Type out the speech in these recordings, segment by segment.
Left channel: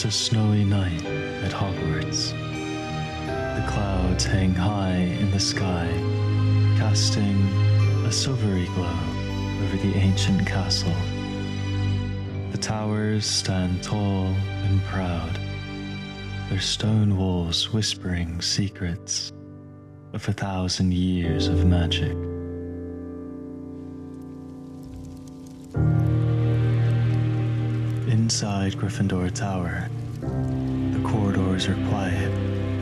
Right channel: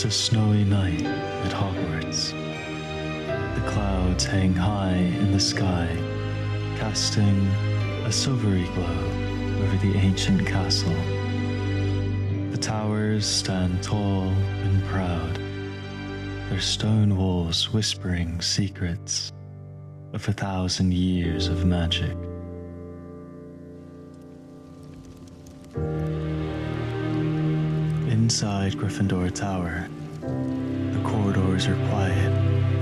It's a snowy night at Hogwarts. The clouds hang high in the sky, casting a silvery glow over the ancient castle. The towers stand tall and proud, their stone walls whispering secrets of 1,000 years of magic. Inside Gryffindor Tower, the corridors are quiet,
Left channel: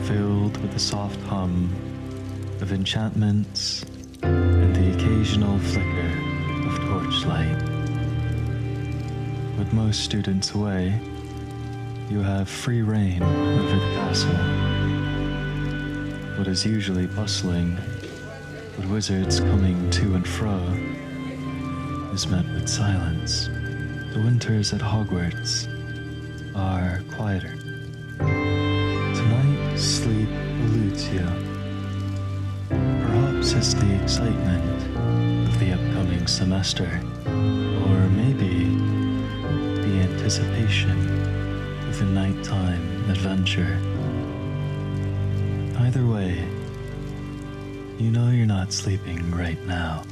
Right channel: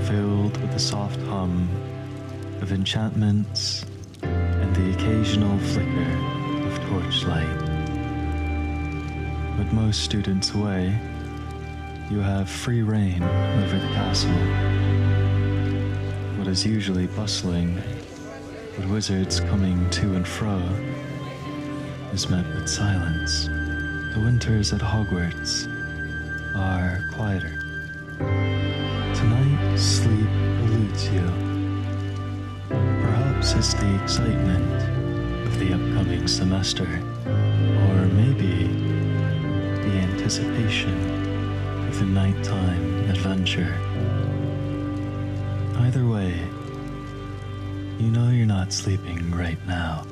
filled with the soft hum of enchantments and the occasional flicker of torchlight. With most students away, you have free reign over the castle. What is usually bustling, with wizards coming to and fro, is met with silence. The winters at Hogwarts are quieter. Tonight, sleep eludes you. Perhaps it's the excitement of the upcoming semester, or maybe the anticipation of the nighttime adventure. Either way, you know you're not sleeping right now.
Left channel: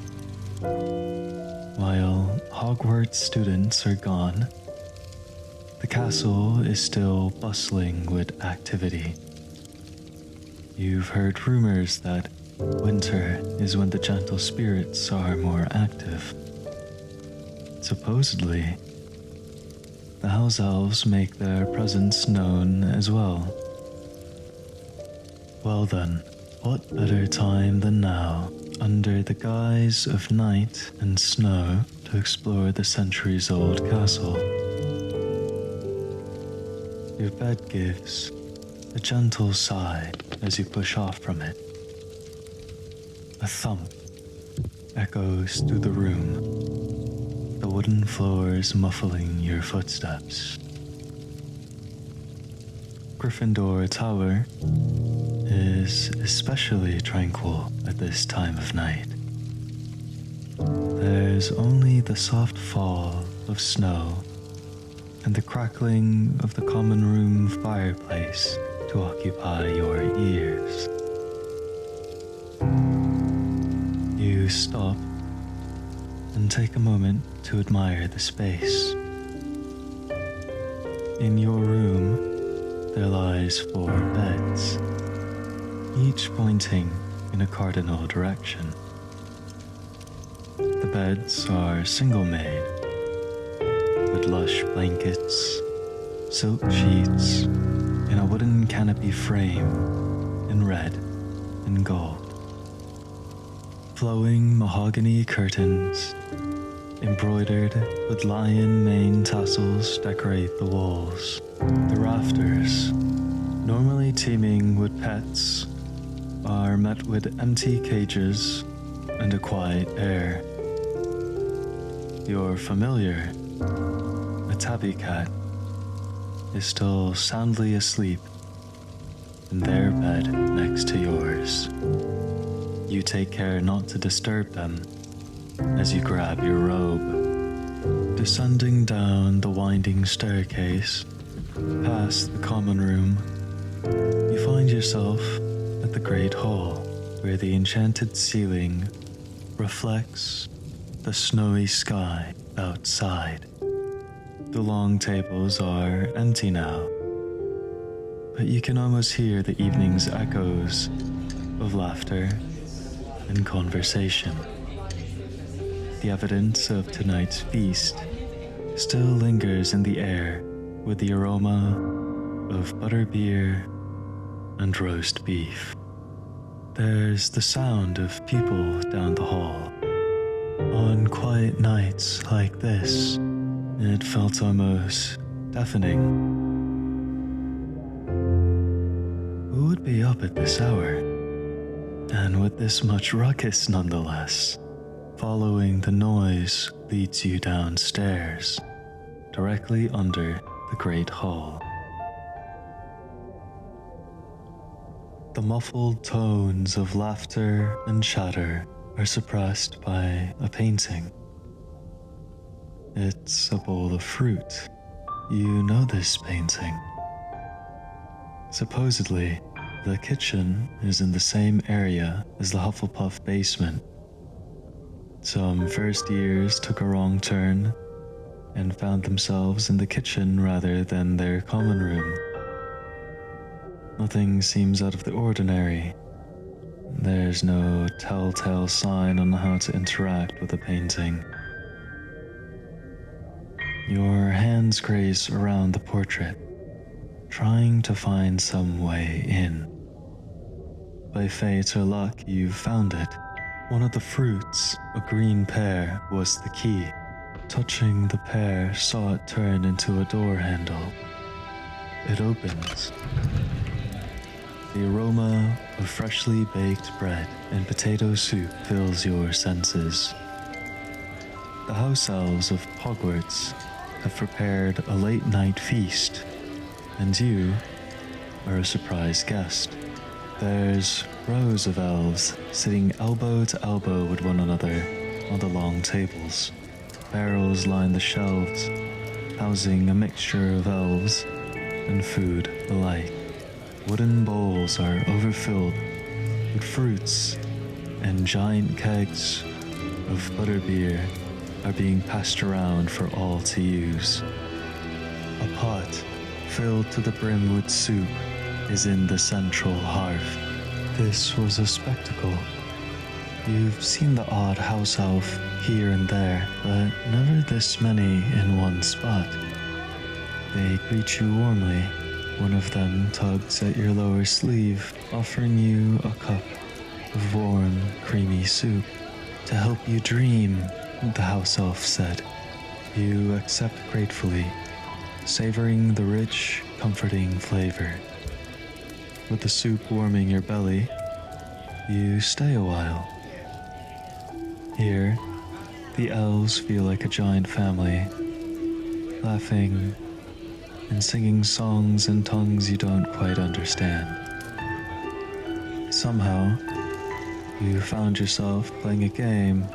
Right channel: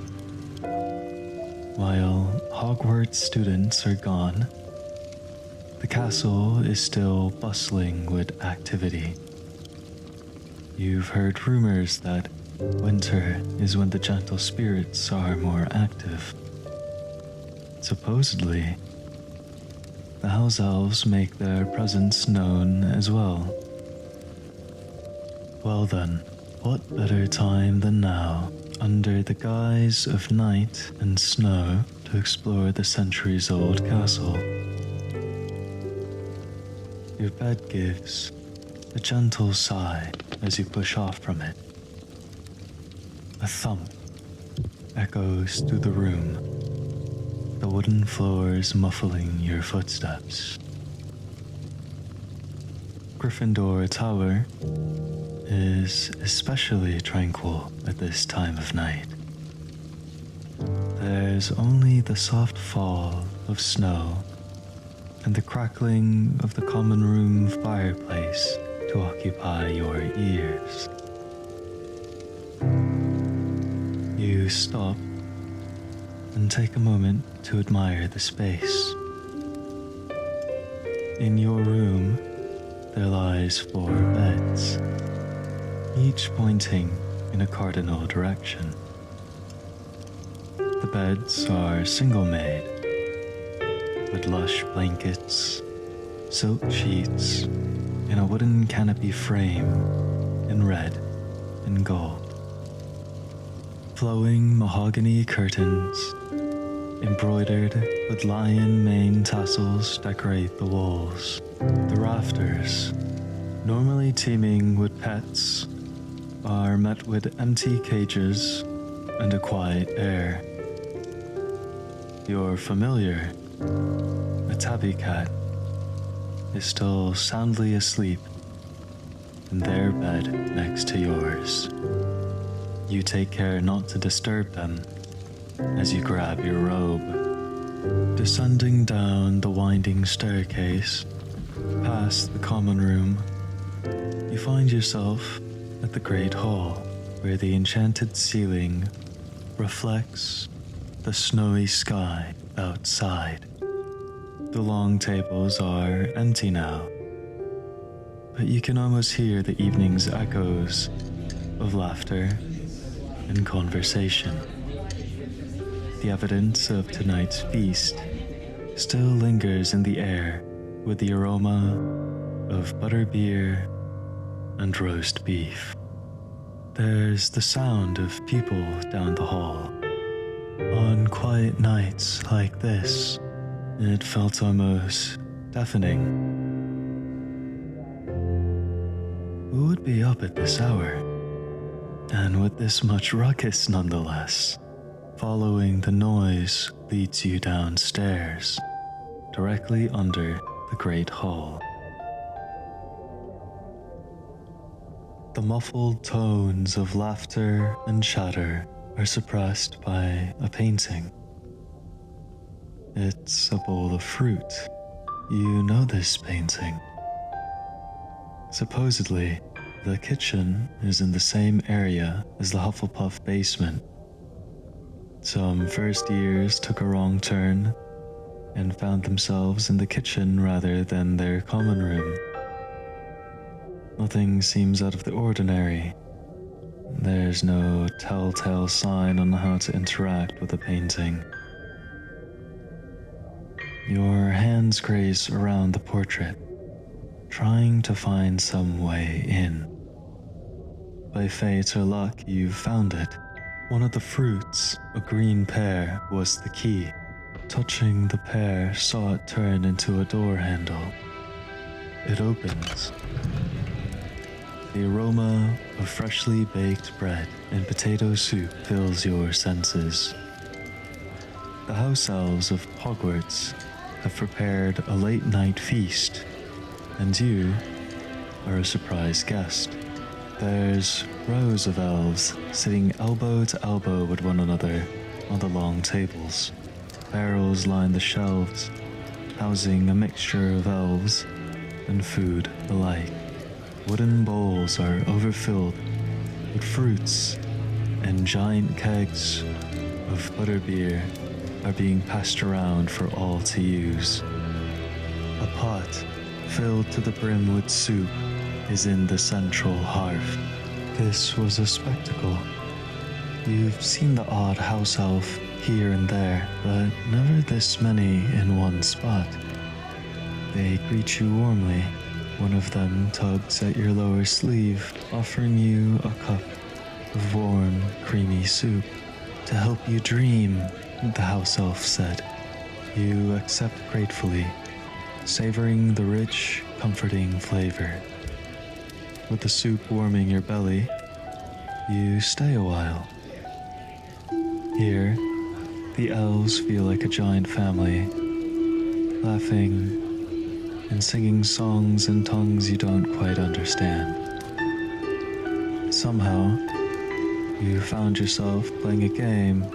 While Hogwarts students are gone, the castle is still bustling with activity. You've heard rumors that winter is when the gentle spirits are more active. Supposedly, the house elves make their presence known as well. Well then, what better time than now, under the guise of night and snow, to explore the centuries-old castle. Your bed gives a gentle sigh as you push off from it. A thump echoes through the room, the wooden floors muffling your footsteps. Gryffindor Tower is especially tranquil at this time of night. There's only the soft fall of snow and the crackling of the common room fireplace to occupy your ears. You stop and take a moment to admire the space. In your room, there lies 4 beds, each pointing in a cardinal direction. The beds are single-made, with lush blankets, silk sheets, and a wooden canopy frame in red and gold. Flowing mahogany curtains, embroidered with lion mane tassels, decorate the walls. The rafters, normally teeming with pets, are met with empty cages and a quiet air. Your familiar, a tabby cat, is still soundly asleep in their bed next to yours. You take care not to disturb them as you grab your robe. Descending down the winding staircase, past the common room, you find yourself at the Great Hall, where the enchanted ceiling reflects the snowy sky outside. The long tables are empty now, but you can almost hear the evening's echoes of laughter and conversation. The evidence of tonight's feast still lingers in the air with the aroma of butterbeer and roast beef. There's the sound of people down the hall. On quiet nights like this, it felt almost deafening. Who would be up at this hour? And with this much ruckus nonetheless. Following the noise leads you downstairs, directly under the Great Hall. The muffled tones of laughter and chatter are suppressed by a painting. It's a bowl of fruit. You know this painting. Supposedly, the kitchen is in the same area as the Hufflepuff basement. Some first years took a wrong turn and found themselves in the kitchen rather than their common room. Nothing seems out of the ordinary. There's no telltale sign on how to interact with the painting. Your hands graze around the portrait, trying to find some way in. By fate or luck, you've found it. One of the fruits, a green pear, was the key. Touching the pear saw it turn into a door handle. It opens. The aroma of freshly baked bread and potato soup fills your senses. The house elves of Hogwarts have prepared a late-night feast, and you are a surprise guest. There's rows of elves sitting elbow to elbow with one another on the long tables. Barrels line the shelves, housing a mixture of elves and food alike. Wooden bowls are overfilled with fruits, and giant kegs of butterbeer are being passed around for all to use. A pot filled to the brim with soup is in the central hearth. This was a spectacle. You've seen the odd house elf here and there, but never this many in one spot. They greet you warmly. One of them tugs at your lower sleeve, offering you a cup of warm, creamy soup. To help you dream, the house elf said. You accept gratefully, savoring the rich, comforting flavor. With the soup warming your belly, you stay a while. Here, the elves feel like a giant family, laughing and singing songs in tongues you don't quite understand. Somehow, you found yourself playing a game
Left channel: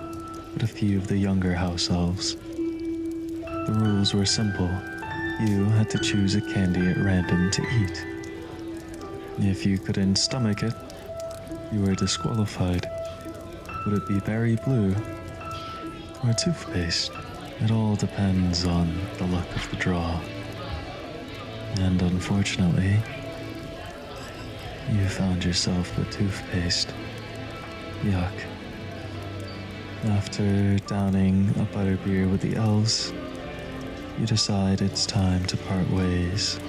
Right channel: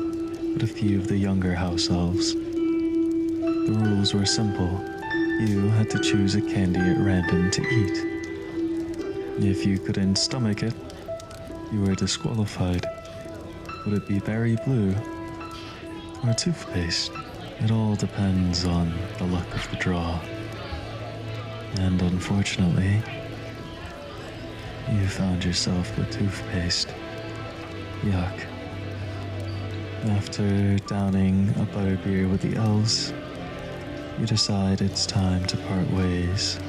with a few of the younger house elves. The rules were simple. You had to choose a candy at random to eat. If you couldn't stomach it, you were disqualified. Would it be berry blue or toothpaste? It all depends on the luck of the draw. And unfortunately, you found yourself with toothpaste. Yuck. After downing a butterbeer with the elves, you decide it's time to part ways.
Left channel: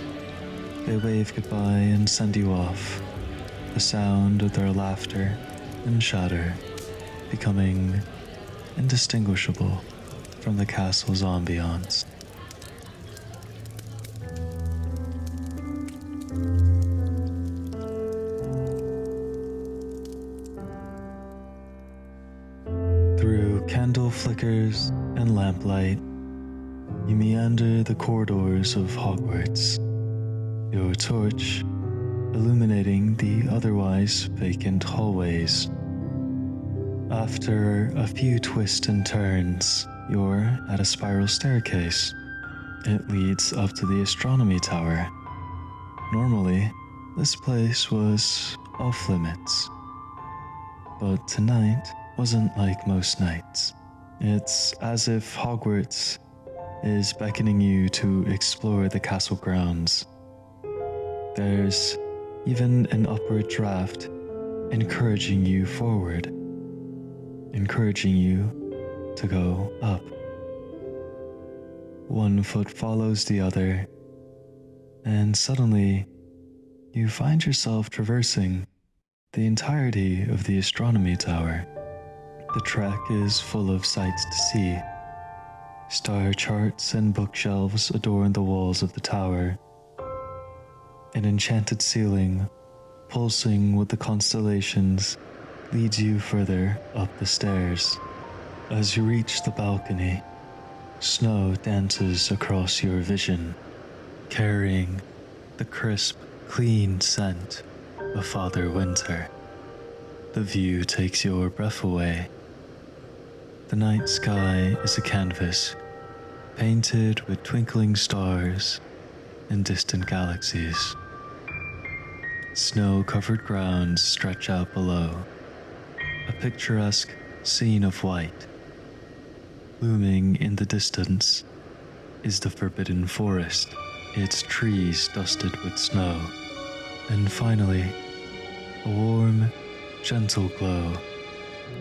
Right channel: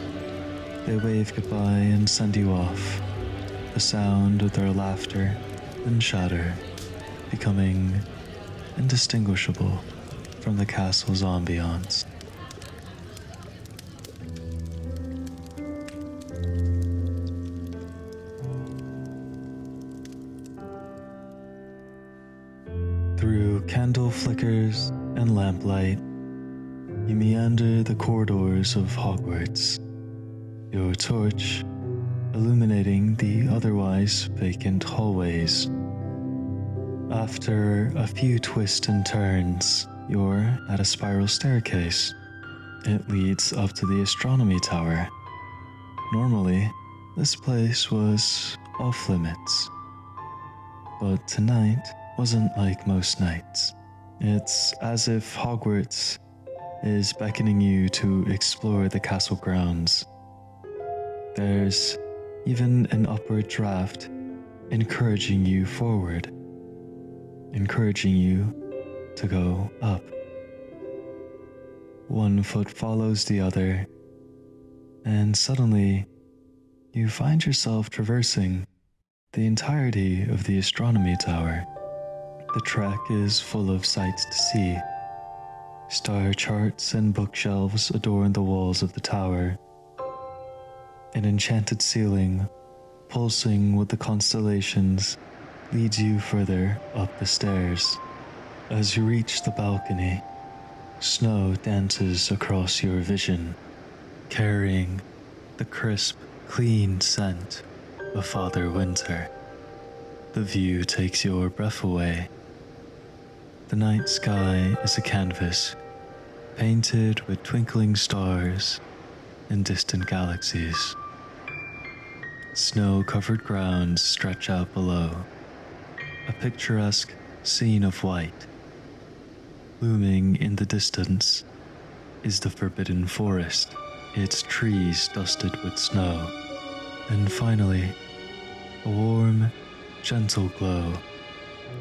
They wave goodbye and send you off, the sound of their laughter and chatter becoming indistinguishable from the castle's ambiance. Through candle flickers and lamplight, you meander the corridors of Hogwarts, your torch illuminating the otherwise vacant hallways. After a few twists and turns, you're at a spiral staircase. It leads up to the astronomy tower. Normally, this place was off limits, but tonight wasn't like most nights. It's as if Hogwarts is beckoning you to explore the castle grounds. There's even an upward draft encouraging you forward, encouraging you to go up. One foot follows the other, and suddenly you find yourself traversing the entirety of the astronomy tower. The trek is full of sights to see. Star charts and bookshelves adorn the walls of the tower. An enchanted ceiling, pulsing with the constellations, leads you further up the stairs. As you reach the balcony, snow dances across your vision, carrying the crisp, clean scent of Father Winter. The view takes your breath away. The night sky is a canvas, painted with twinkling stars and distant galaxies. Snow-covered grounds stretch out below, a picturesque scene of white. Looming in the distance is the forbidden forest, its trees dusted with snow. And finally, a warm, gentle glow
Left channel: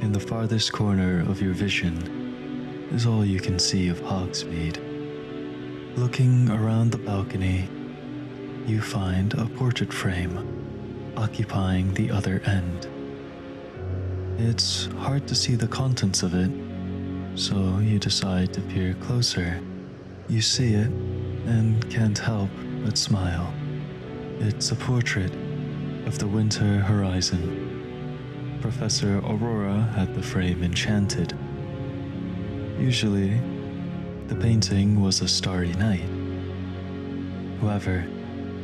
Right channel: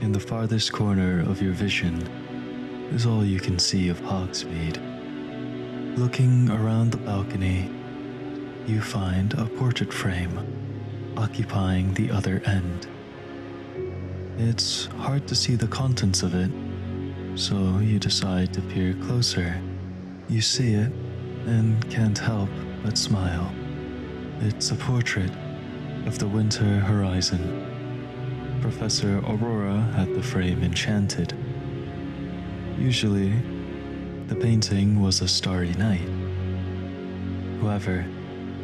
in the farthest corner of your vision is all you can see of Hogsmeade. Looking around the balcony, you find a portrait frame occupying the other end. It's hard to see the contents of it, so you decide to peer closer. You see it and can't help but smile. It's a portrait of the winter horizon. Professor Aurora had the frame enchanted. Usually, the painting was a starry night. However,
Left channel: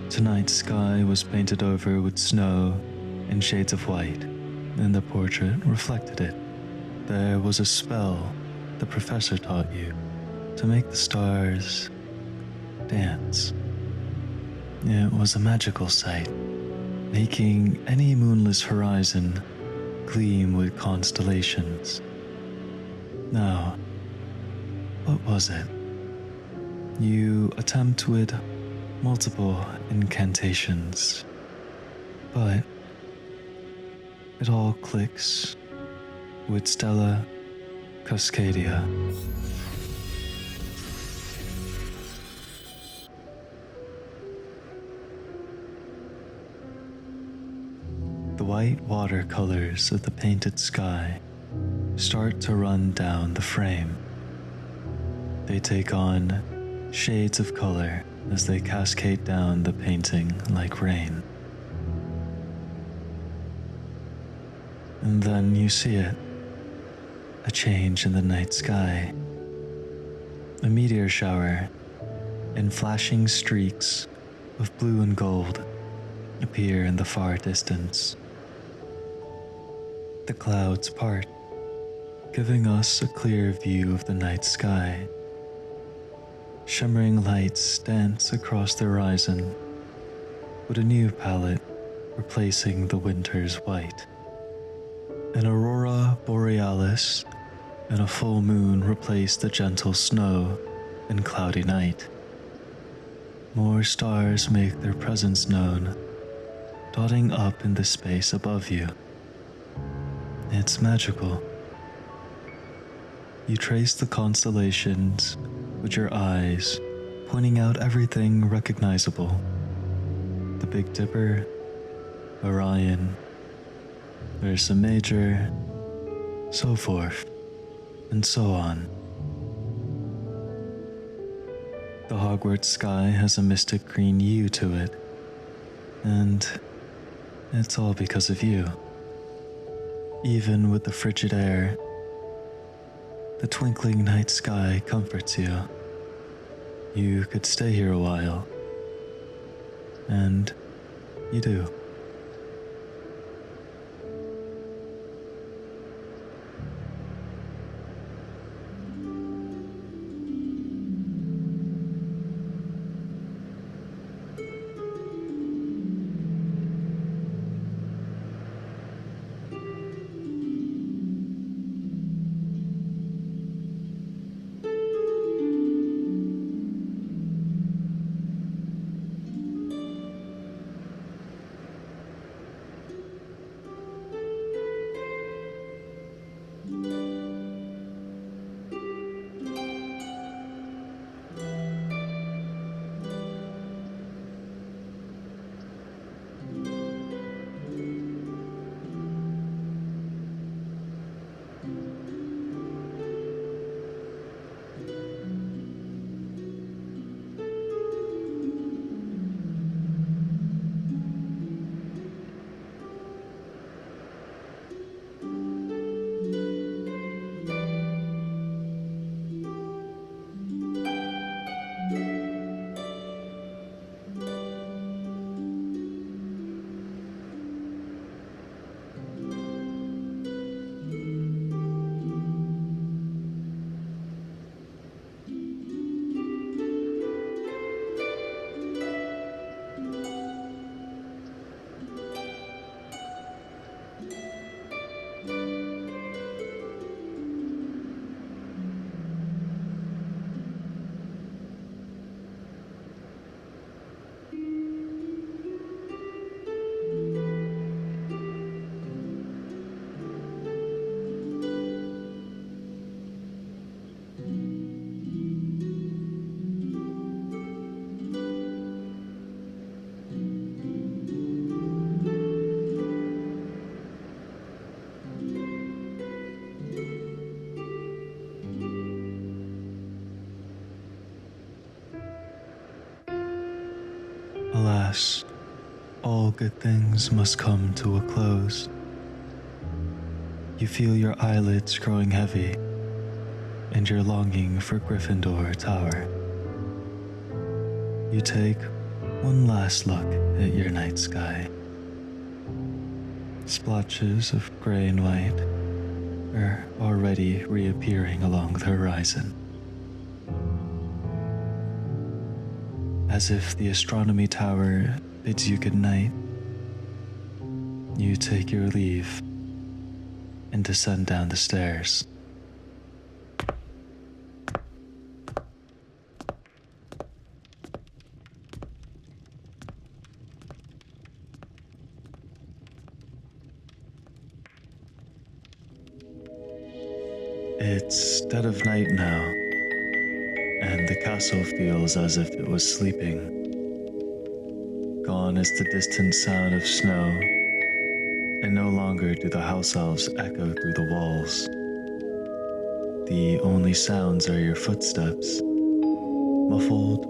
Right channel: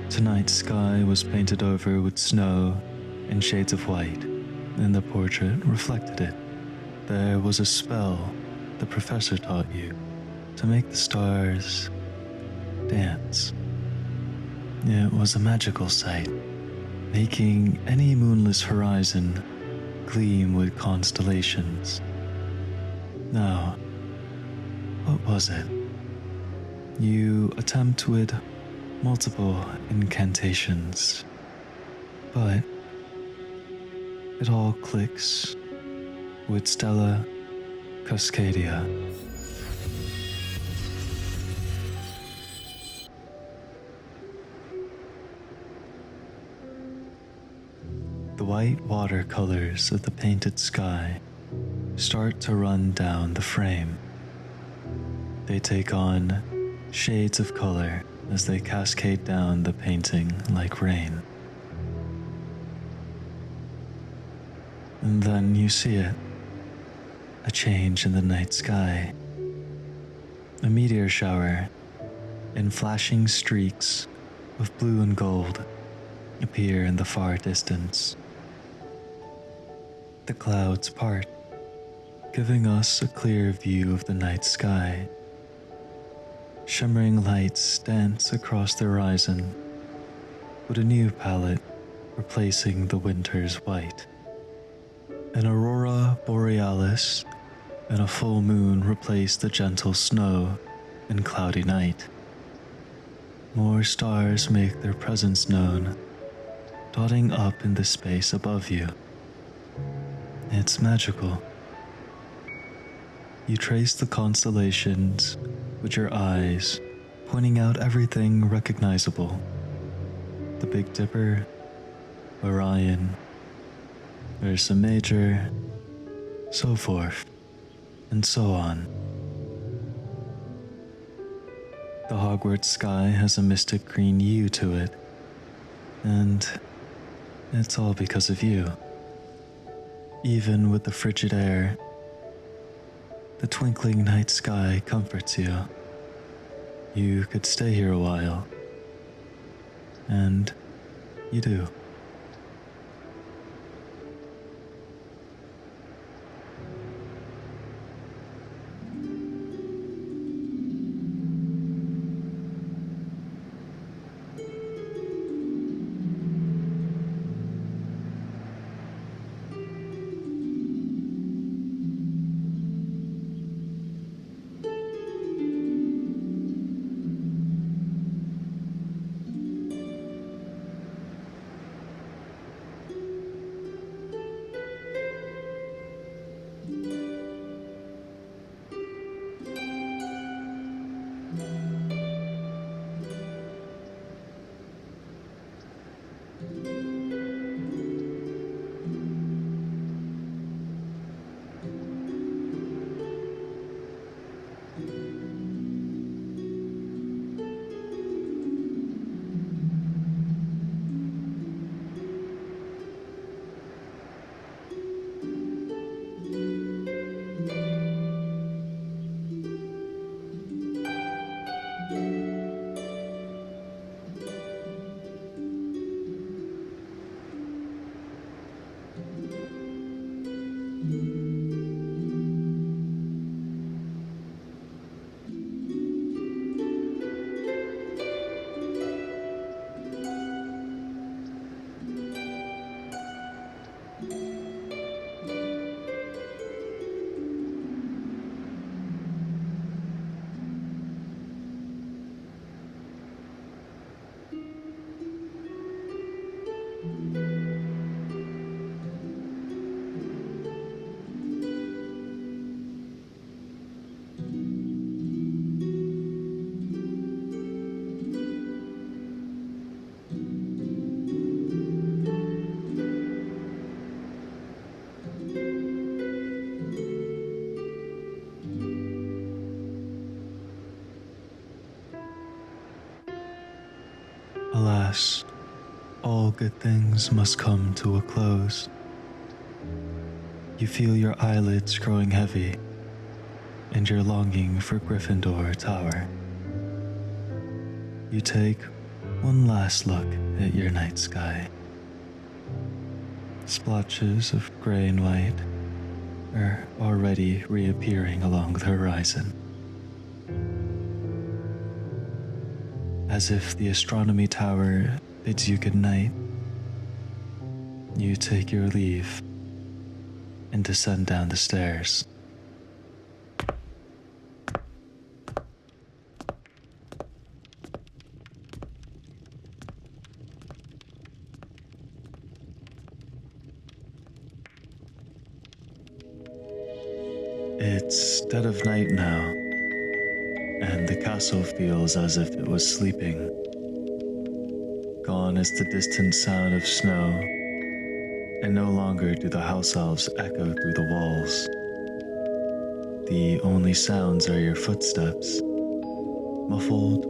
tonight's sky was painted over with snow and shades of white, and the portrait reflected it. There was a spell the professor taught you to make the stars dance. It was a magical sight, making any moonless horizon gleam with constellations. Now, what was it? You attempt with multiple incantations, but it all clicks with Stella Cascadia. The white watercolors of the painted sky start to run down the frame. They take on shades of color as they cascade down the painting like rain. And then you see it, a change in the night sky. A meteor shower and flashing streaks of blue and gold appear in the far distance. The clouds part, giving us a clear view of the night sky. Shimmering lights dance across the horizon, with a new palette replacing the winter's white. An aurora borealis and a full moon replace the gentle snow and cloudy night. More stars make their presence known, dotting up in the space above you. It's magical. You trace the constellations with your eyes, pointing out everything recognizable. The Big Dipper, Orion, Ursa Major, so forth, and so on. The Hogwarts sky has a mystic green hue to it, and it's all because of you. Even with the frigid air, the twinkling night sky comforts you. You could stay here a while, and you do. alas, all good things must come to a close. You feel your eyelids growing heavy, and you're longing for Gryffindor Tower. You take one last look at your night sky. Splotches of gray and white are already reappearing along the horizon. As if the astronomy tower bids you good night, you take your leave and descend down the stairs. It's dead of night now, and the castle feels as if it was sleeping. Gone is the distant sound of snow, and no longer do the house elves echo through the walls. The only sounds are your footsteps, muffled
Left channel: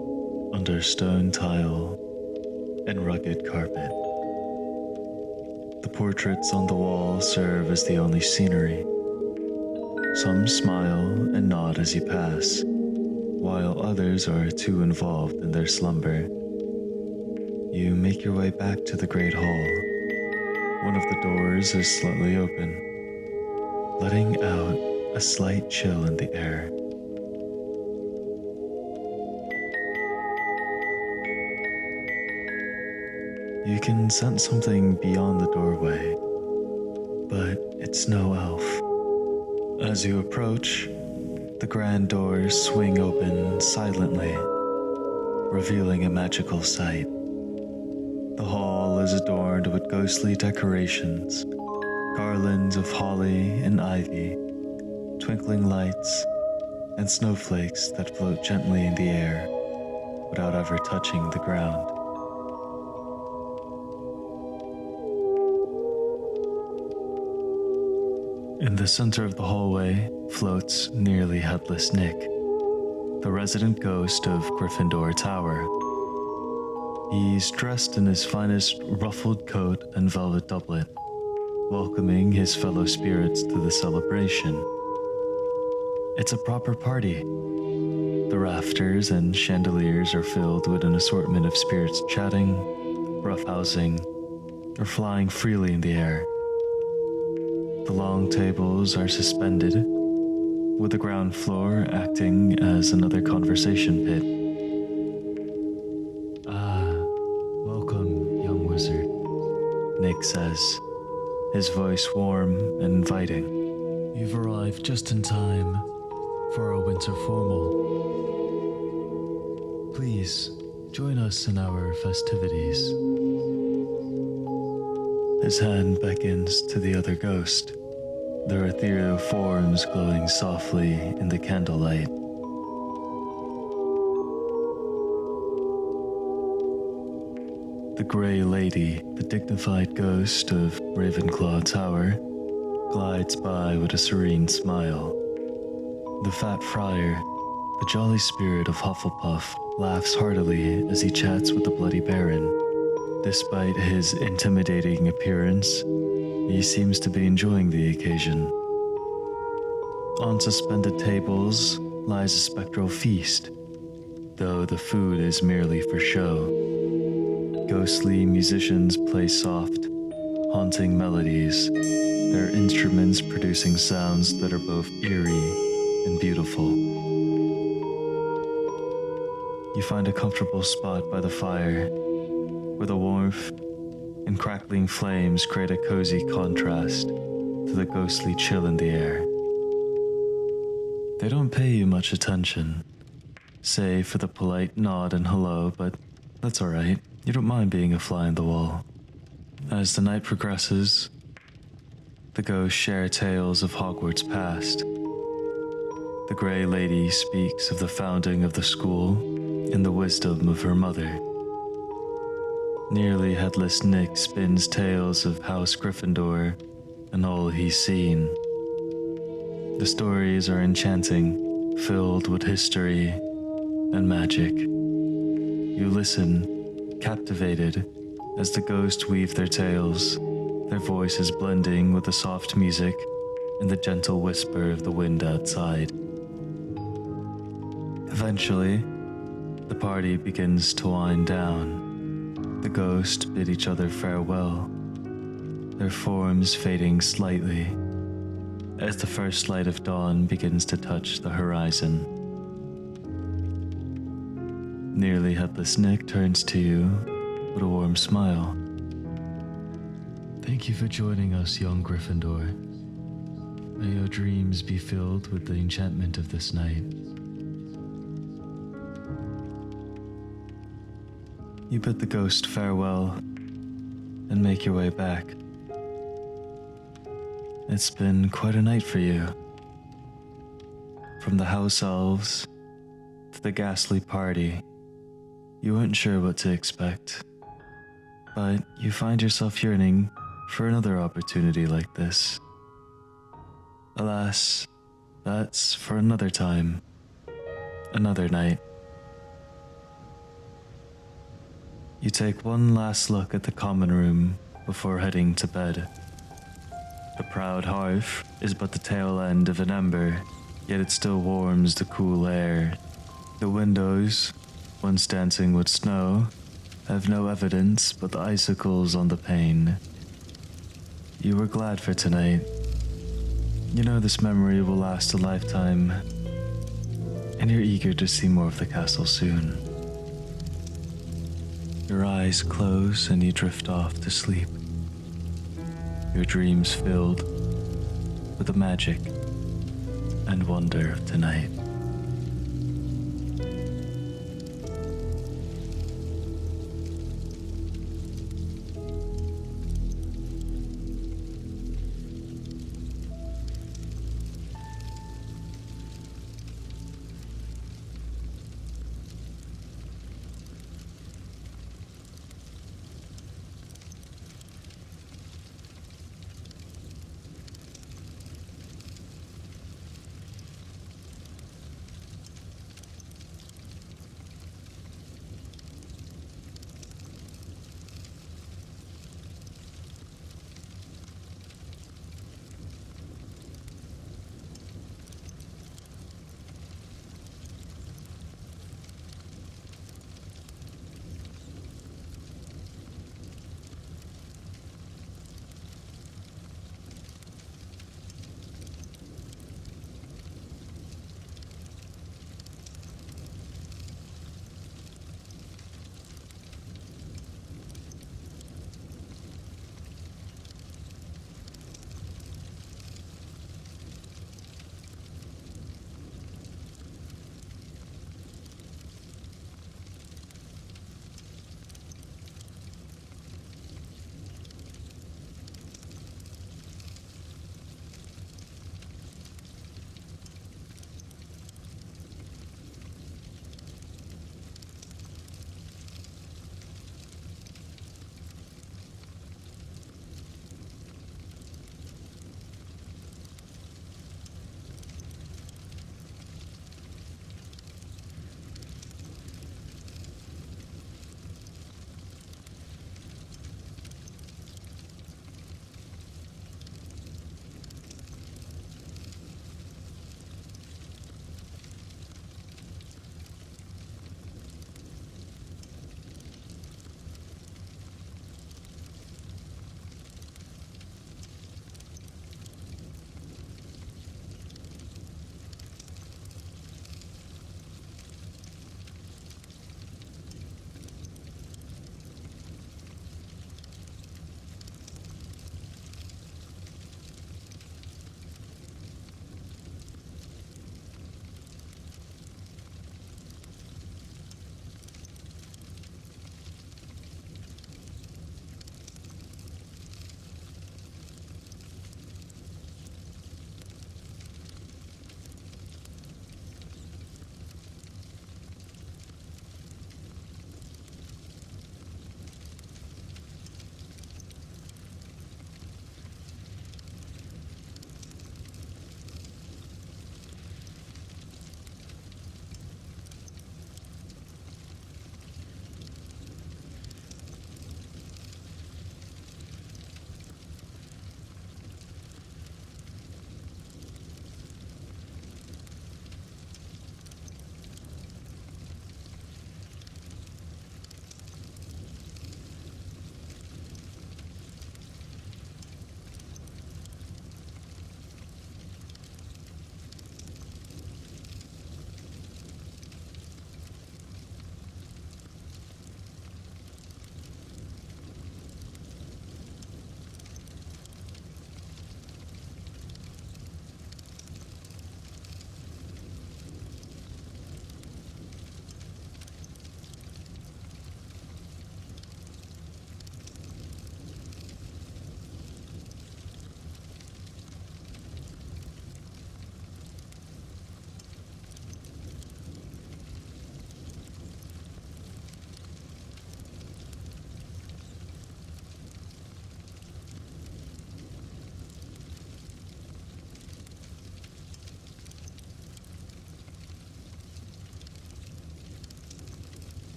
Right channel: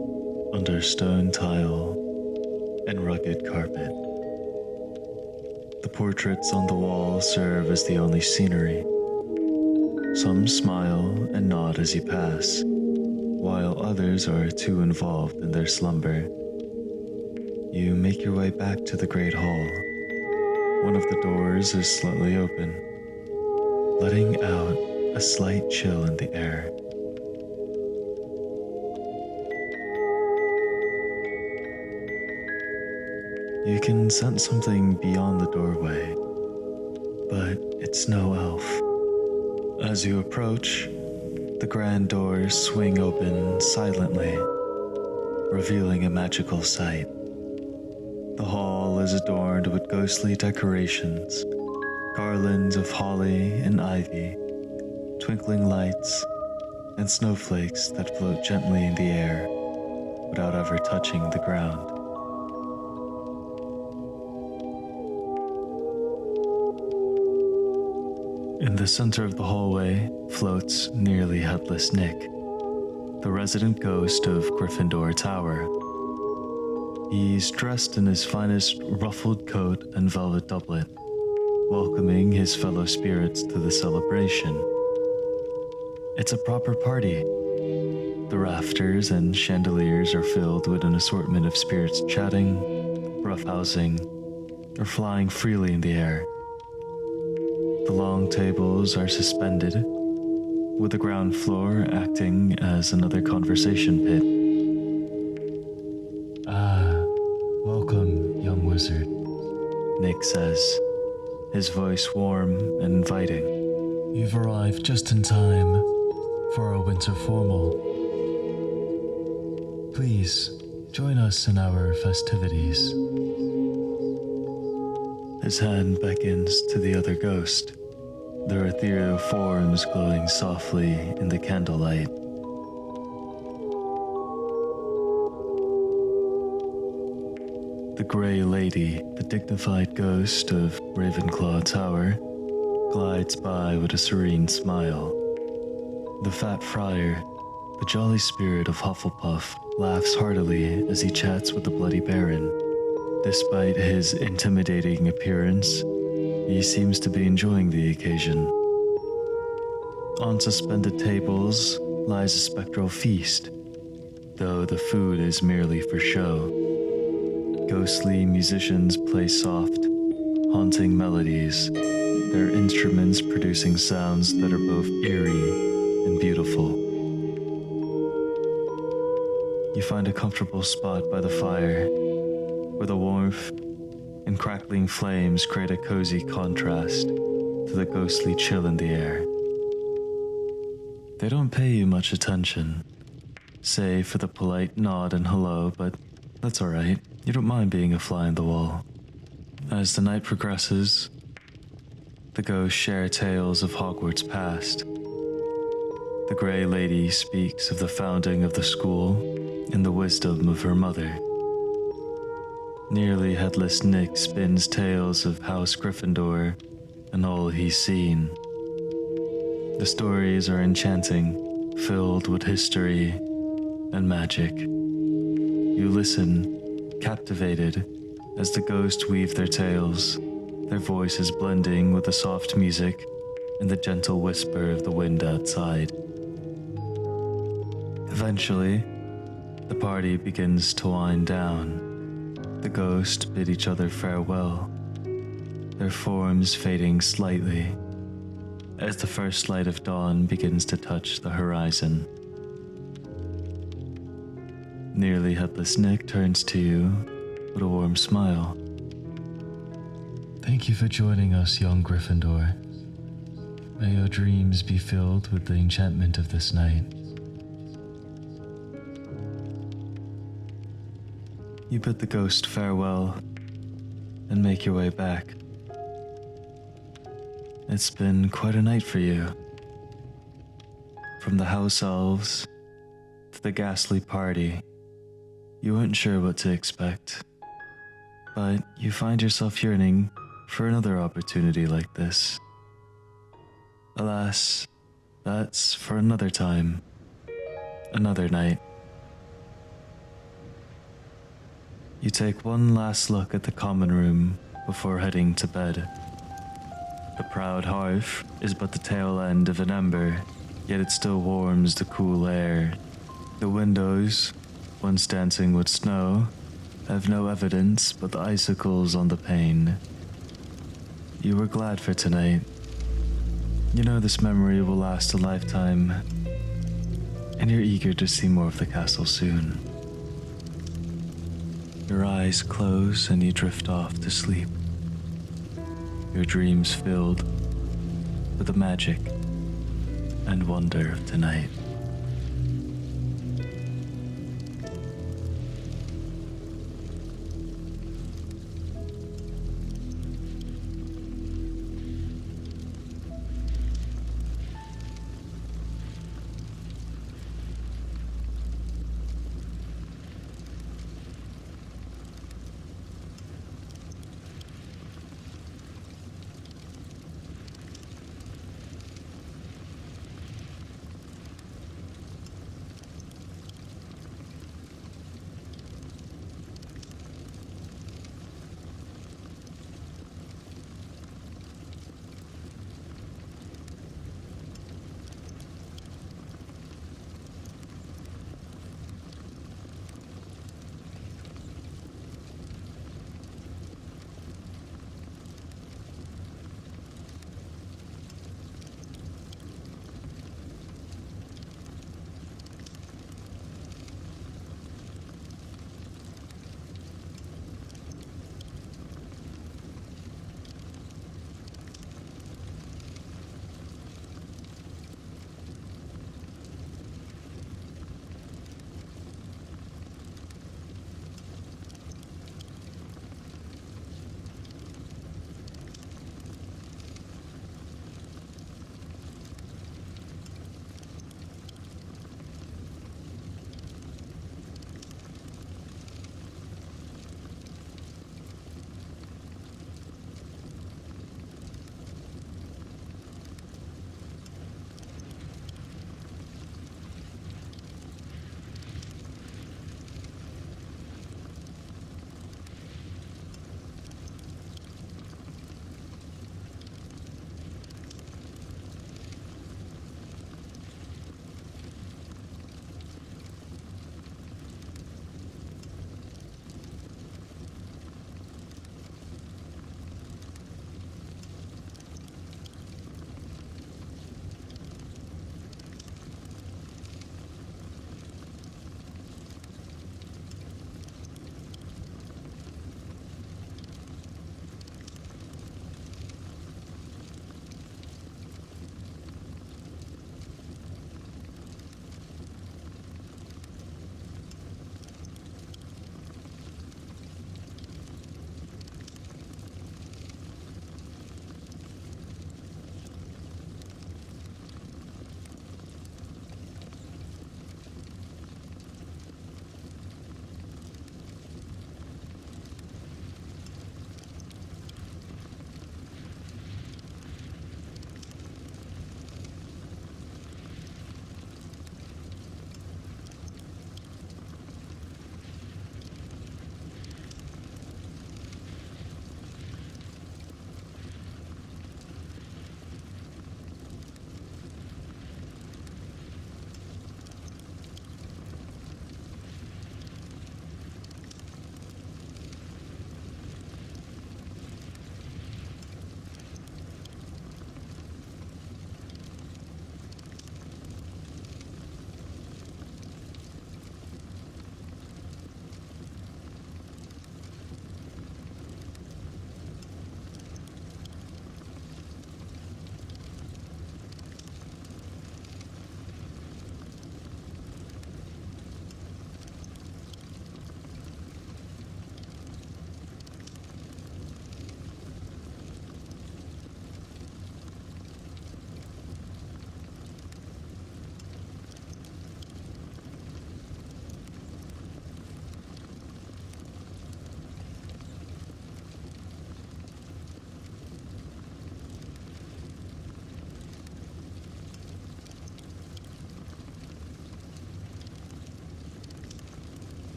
under stone tile and rugged carpet. The portraits on the wall serve as the only scenery. Some smile and nod as you pass, while others are too involved in their slumber. You make your way back to the Great Hall. One of the doors is slightly open, letting out a slight chill in the air. You can sense something beyond the doorway, but it's no elf. As you approach, the grand doors swing open silently, revealing a magical sight. The hall is adorned with ghostly decorations, garlands of holly and ivy, twinkling lights, and snowflakes that float gently in the air without ever touching the ground. In the center of the hallway floats nearly headless Nick, the resident ghost of Gryffindor Tower. He's dressed in his finest ruffled coat and velvet doublet, welcoming his fellow spirits to the celebration. It's a proper party. The rafters and chandeliers are filled with an assortment of spirits chatting, roughhousing, or flying freely in the air. The long tables are suspended, with the ground floor acting as another conversation pit. Welcome, young wizard, Nick says, his voice warm and inviting. You've arrived just in time for our winter formal. Please, join us in our festivities. His hand beckons to the other ghost, their ethereal forms glowing softly in the candlelight. The Grey Lady, the dignified ghost of Ravenclaw Tower, glides by with a serene smile. The Fat Friar, the jolly spirit of Hufflepuff, laughs heartily as he chats with the Bloody Baron. Despite his intimidating appearance, he seems to be enjoying the occasion. On suspended tables lies a spectral feast, though the food is merely for show. Ghostly musicians play soft, haunting melodies, their instruments producing sounds that are both eerie and beautiful. You find a comfortable spot by the fire, where the warmth and crackling flames create a cozy contrast to the ghostly chill in the air. They don't pay you much attention, save for the polite nod and hello, but that's alright. You don't mind being a fly on the wall. As the night progresses, the ghosts share tales of Hogwarts past. The Grey Lady speaks of the founding of the school and the wisdom of her mother. Nearly headless Nick spins tales of House Gryffindor and all he's seen. The stories are enchanting, filled with history and magic. You listen captivated as the ghosts weave their tales, their voices blending with the soft music and the gentle whisper of the wind outside. Eventually, the party begins to wind down. The ghosts bid each other farewell, their forms fading slightly as the first light of dawn begins to touch the horizon. Nearly headless Nick turns to you with a warm smile. Thank you for joining us, young Gryffindor. May your dreams be filled with the enchantment of this night. You bid the ghost farewell and make your way back. It's been quite a night for you. From the house elves to the ghastly party, you weren't sure what to expect, but you find yourself yearning for another opportunity like this. Alas, that's for another time, another night. You take one last look at the common room before heading to bed. The proud hearth is but the tail end of an ember, yet it still warms the cool air. The windows, once dancing with snow, have no evidence but the icicles on the pane. You were glad for tonight. You know this memory will last a lifetime, and you're eager to see more of the castle soon. Your eyes close and you drift off to sleep. Your dreams filled with the magic and wonder of tonight.